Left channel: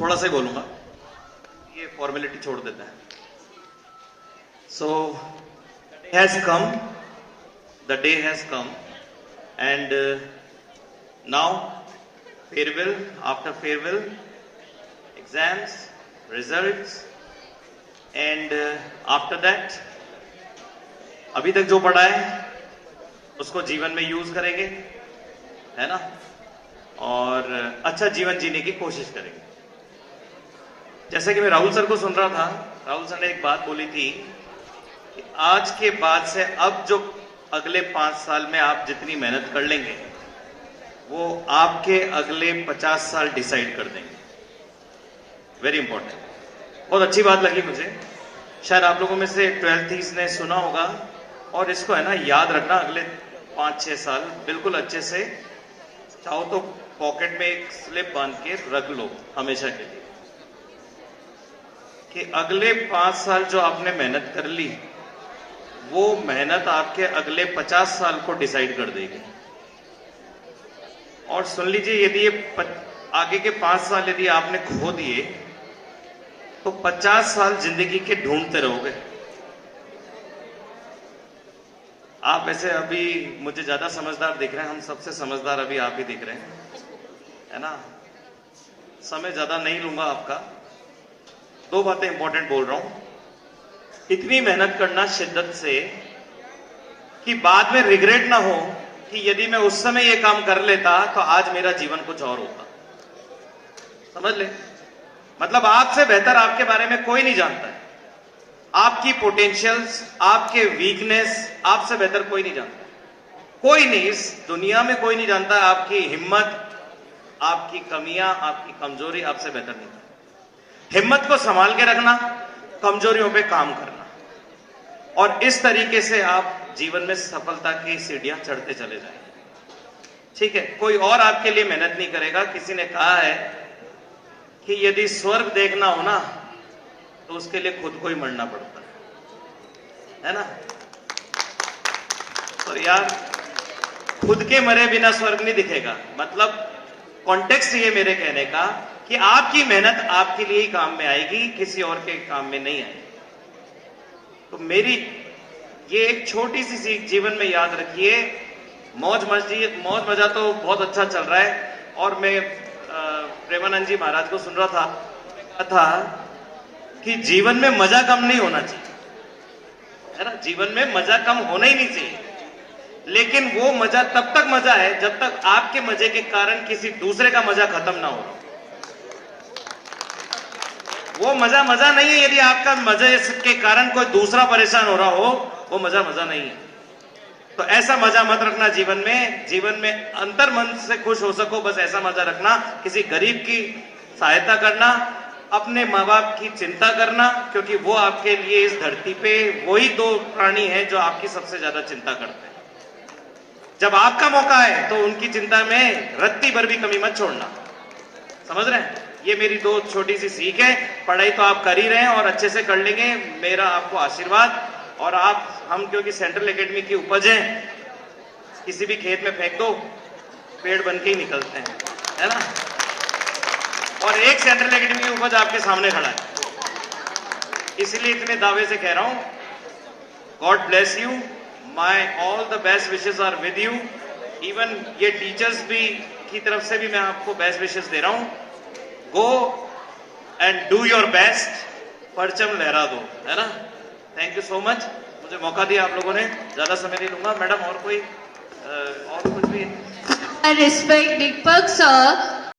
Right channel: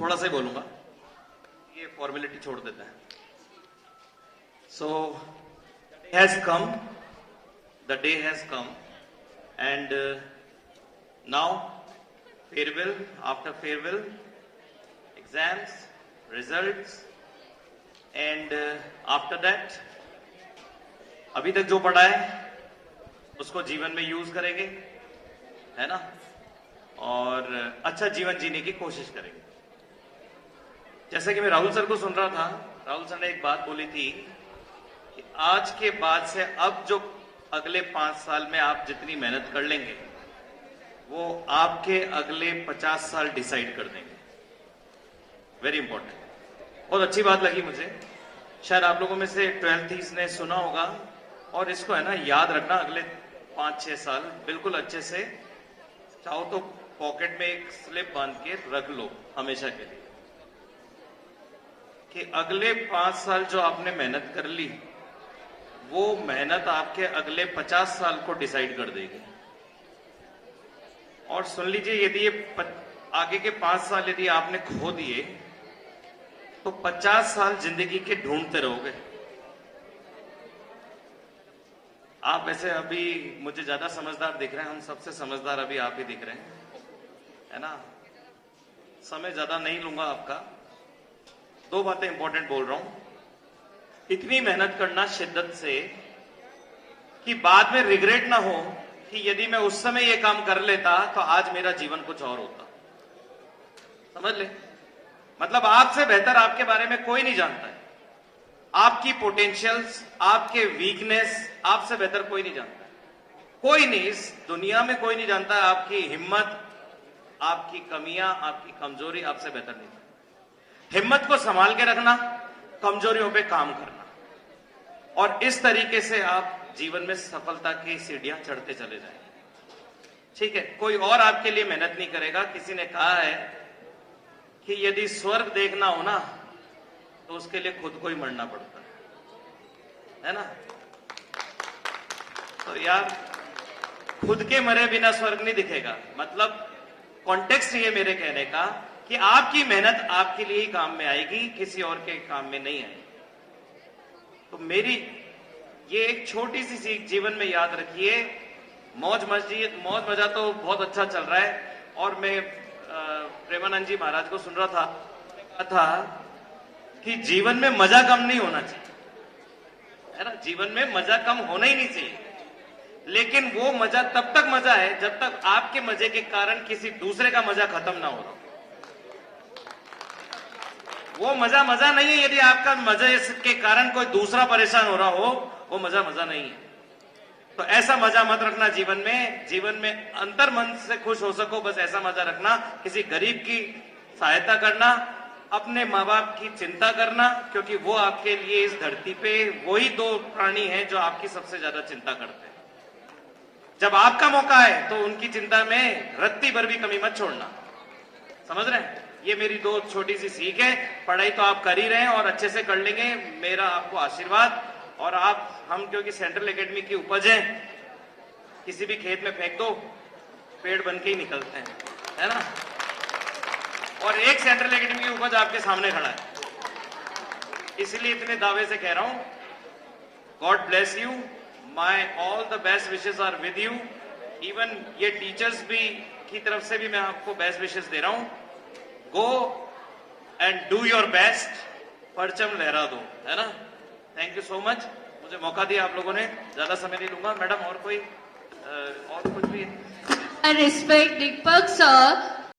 थोड़ा सा बोलूंगा, ये फॉर्मेलिटी छोड़ देते हैं. So the day has come and now farewell, after farewell, exams, results and after that अभी तक जो पढ़ा है उसको जीवन में यूज करेंगे, है ना, और अच्छा जीवन जीने की कोशिश करेंगे. जैसे कि मैं राहुल सर को सुन रहा था, राहुल सर ने एक बात बोली थी कि आज के बाद से अब जो अगले 5 साल में आप जितनी मेहनत कर लेंगे वो आपके अगले 50 साल डिसाइड कर देंगे. वेरी इंपॉर्टेंट, बहुत अच्छी बात लगी मुझे. शायद आप लोगों में से 12th ने सुना होगा, और इसको है ना याद रखना अगले 5-6 साल बिल्कुल अच्छे से. चाहो तो पॉकेट में एक स्लिप बांध के रख लो हमेशा के लिए कि अगले 5 साल जो आपने मेहनत कर ली वो मेहनत आपके अगले 50 साल को डिसाइड कर देगी. और सुन लीजिए, यदि ये आगे के 5 साल यदि आपने खो दिए तो 50 साल जिंदगी के ढूंढते रहोगे. आप ऐसे अभी मुझे ज्यादा समझदार दिख रहे हैं, हम सबसे समझदार अभी आप ही दिख रहे हैं, है ना. समय ज्यादा नहीं लूंगा आपका. 2 बातें इंपॉर्टेंट बोल रहा हूं. इतनी मेहनत करना शिद्दत से कि बाद में रिग्रेट ना हो कि यदि मैं उस समय ये काम कर लेता तो आज मेरा जीवन कुछ और होता. समझ ले, मतलब आपसे बेहतर आपके बारे में कोई नहीं जानता. आपकी पोटेंशियल्स, आपके वीकनेस आपसे बेहतर कोई नहीं जानता. कोई नहीं, इस दुनिया में कोई नहीं जानता. आपकी हिम्मत, आपकी कमियां, आपकी कमजोरी आपसे बेहतर नहीं. हिम्मत को संभाल के रखना, कमजोरियों पे काम करना, और इस तरीके से आप जीवन में सफलता की सीढ़ियां चढ़ते चले जाएं. ठीक है, कोई और आपके लिए मेहनत नहीं करेगा. किसी ने कहा है कि यदि स्वर्ग देखना हो ना तो उसके लिए खुद को ही मरना पड़ता है ना. तो यार, खुद के मरे बिना स्वर्ग नहीं दिखेगा. मतलब कॉन्टेक्स्ट ये मेरे कहने का कि आपकी मेहनत आपके लिए ही काम में आएगी, किसी और के काम में नहीं आएगी. तो मेरी ये एक छोटी सी सीख जीवन में याद रखिए. मौज मजा तो बहुत अच्छा चल रहा है. और मैं प्रेमानंद जी महाराज को सुन रहा था, कहा था कि जीवन में मजा कम नहीं होना चाहिए, है ना. जीवन में मजा कम होना ही नहीं चाहिए. लेकिन वो मजा तब तक मजा है जब तक आपके मजे के कारण किसी दूसरे का मजा खत्म ना हो. वो मजा मजा नहीं है यदि आपका मजे के कारण कोई दूसरा परेशान हो रहा हो. वो मजा मजा नहीं है. तो ऐसा मजा मत रखना जीवन में. जीवन में अंतर मन से खुश हो सको, बस ऐसा मजा रखना. किसी गरीब की सहायता करना, अपने माँ बाप की चिंता करना, क्योंकि वो आपके लिए इस धरती पे वही 2 प्राणी हैं जो आपकी सबसे ज्यादा चिंता करते हैं. जब आपका मौका है तो उनकी चिंता में रत्ती भर भी कमी मत छोड़ना. समझ रहे हैं? ये मेरी 2 छोटी सी सीख है. पढ़ाई तो आप कर ही रहे हैं और अच्छे से कर लेंगे, मेरा आपको आशीर्वाद. और हम क्योंकि सेंट्रल एकेडमी की उपज है, किसी भी खेत में फेंक दो पेड़ बन के ही निकलते हैं, है ना. और एक सेंट्रल एकेडमी की उपज आपके सामने खड़ा है, इसलिए इतने दावे से कह रहा हूं. God bless you. My all the best wishes are with you. Even ये टीचर्स भी की तरफ से भी मैं आपको बेस्ट विशेस दे रहा हूं. Go and do your best. परचम लहरा दो, है ना. Thank you so much. मुझे मौका दिया आप लोगों ने, ज्यादा समय नहीं लूंगा. मैडम और कोई और कुछ भी? I respect Deepak sir.